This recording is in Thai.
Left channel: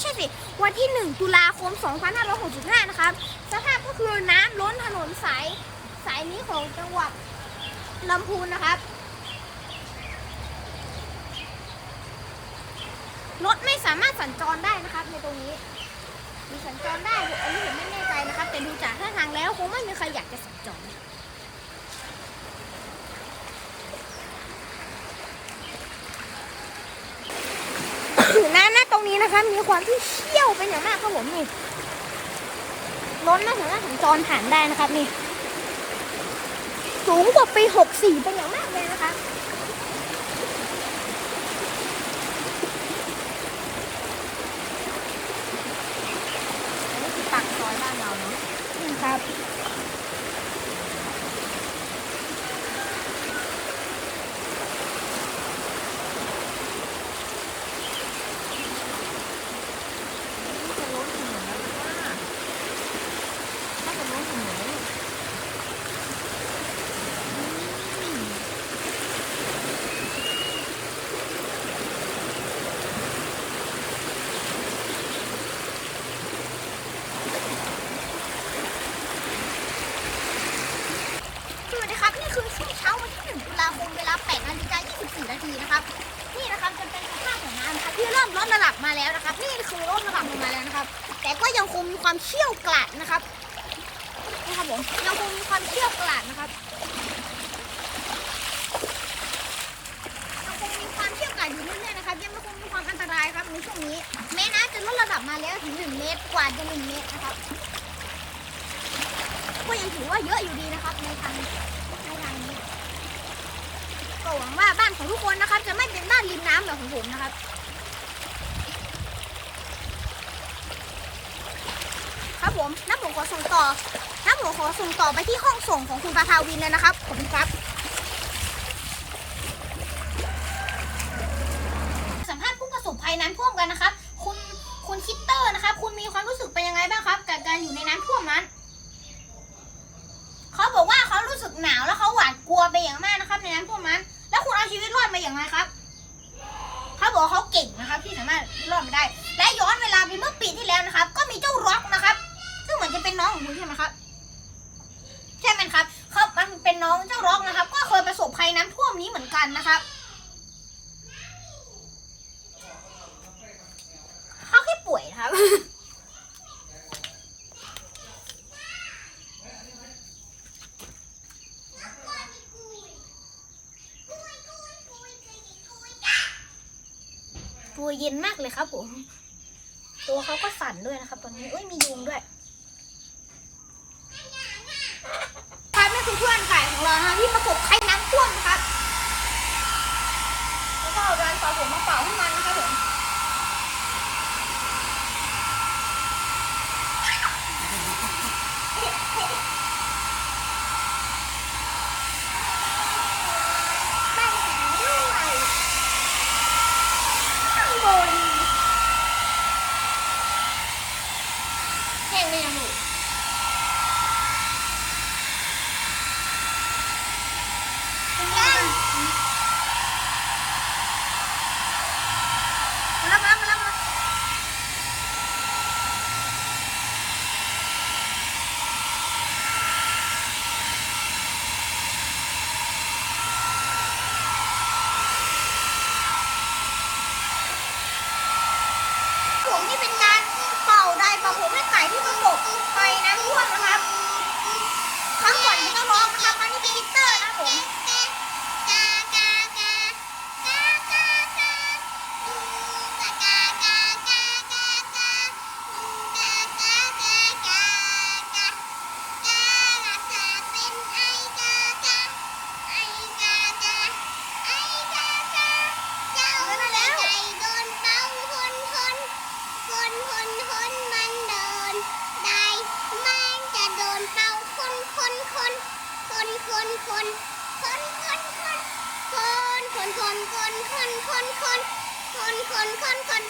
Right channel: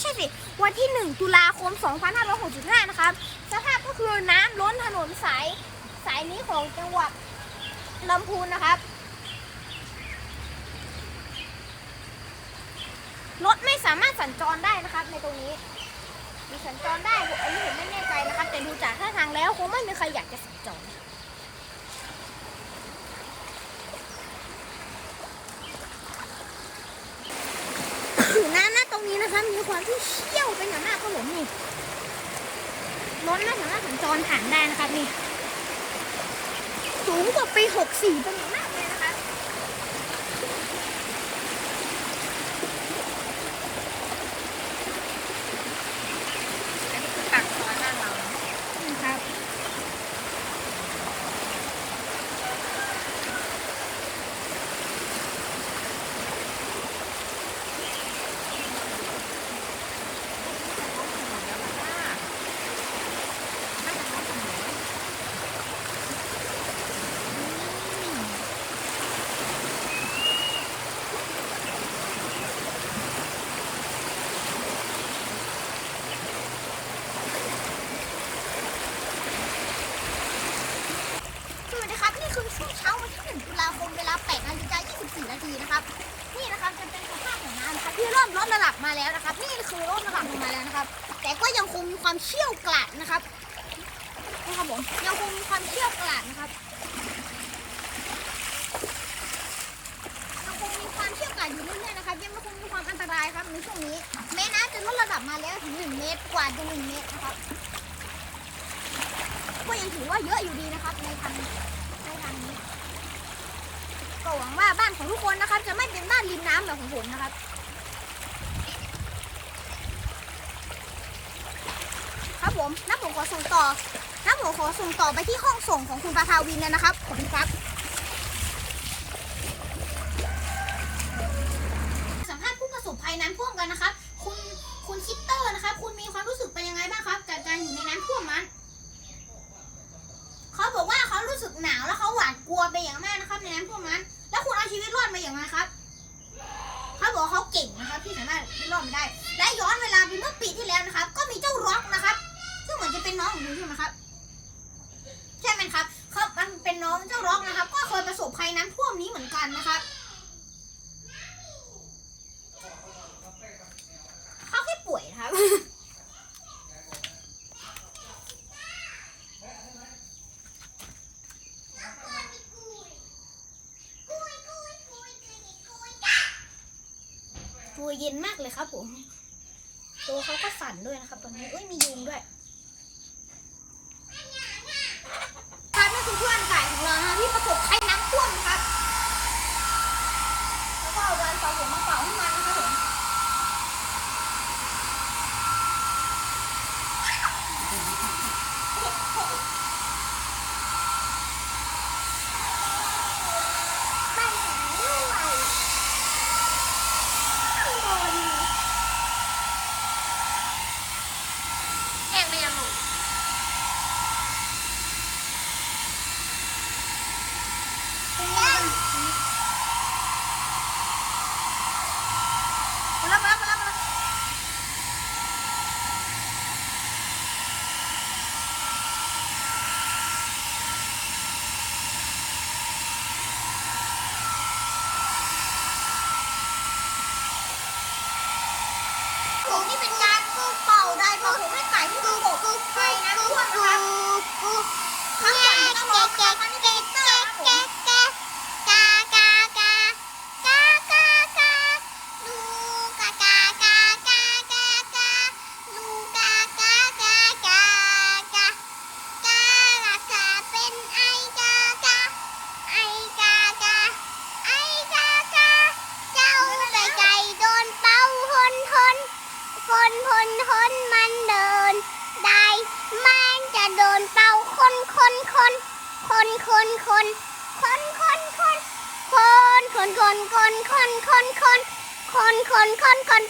ไม่ใช่สิวันที่1 ตุลาคม 2565 นะครับสภาพก็คือน้ำล้นถนนสายนี้ของจังหวัดลำพูนนะครับรถไม่สามารถสัญจรได้นะครับในตรงนี้มีสัญจรได้อันนี้ผมไม่แน่ใจนะครับแต่ดูจากท่าทางแล้วคงไม่มีใครอยากจะสัญจรตรงนี้นะคะมีความที่เชี่ยวเป็นอย่างมากครับผมนี่ล้นมาถึงหน้าถึงจรผ่านได้นะครับนี่สูงกว่าปี64เป็นอย่างมากเลยนะคะอันนี้คือปากซอยบ้านเราครับนี่คือช่วงเช้าวันที่1 ตุลาคมเวลา 8:24 นาทีนะครับนี่นะครับจะเป็นสภาพของน้ำนะครับที่เริ่มลดระดับมาแล้วนะครับนี่คือลดระดับลงมาแล้วนะครับแต่ก็ยังคงมีความเชี่ยวกราดนะครับนี่ครับผมยังคงมีความเชี่ยวกราดนะครับยังคงมีความเชี่ยวกราดอยู่เรื่อยๆนะครับยังคงมีความอันตรายครับในช่วงนี้แม้น้ำจะลดระดับมาแล้วถึง1 เมตรกว่าจะ1 เมตรนะครับก็ยังถือว่าเยอะอยู่ดีนะครับในทางนี้ก็หวังว่าบ้านของทุกคนนะครับจะไม่เป็นบ้านริมน้ำแบบของผมนะครับครับผมน้าผมขอส่งต่อไปที่ห้องส่งของคุณประภาวินเลยนะครับขอบคุณครับสัมภาษณ์ผู้ประสบภัยน้ำท่วมกันนะครับคุณคิตเตอร์นะครับคุณมีความรู้สึกเป็นยังไงบ้างครับกับการอยู่ในน้ำท่วมนั้นเขาบอกว่าเขารู้สึกหนาวแล้วเขาหวาดกลัวไปอย่างมากนะครับในน้ำท่วมนั้นแล้วคุณเอาชีวิตรอดมาอย่างไรครับเขาบอกเขาเก่งนะครับที่สามารถรอดมาได้และย้อนเวลาไปเมื่อปีที่แล้วนะครับก็มีเจ้าร็อกนะครับซึ่งเหมือนจะเป็นน้องของคุณใช่ไหมครับใช่ไหมครับเขาเป็นน้องเจ้าร็อกนะครับก็เคยประสบภัยน้ำท่วมนี้เหมือนกันนะครับเขาแค่ป่วยครับตัวเย็นมากเลยครับผมตัวเขาก็สั่นด้วยนะครับตอนนี้มียุงด้วยครับนี่คือเพื่อนฝ่ายของเรานะที่ประสบภัยน้ำท่วมนะครับแล้วก็เอาแรงสะสมมาเป่าให้มันนะครับผมนี่เป็นการเป่าผมให้ไก่ที่ประสบภัยน้ำท่วมนะครับทั้งหมดต้องร้องนะครับทั้งที่คิตเตอร์นะครับผมคน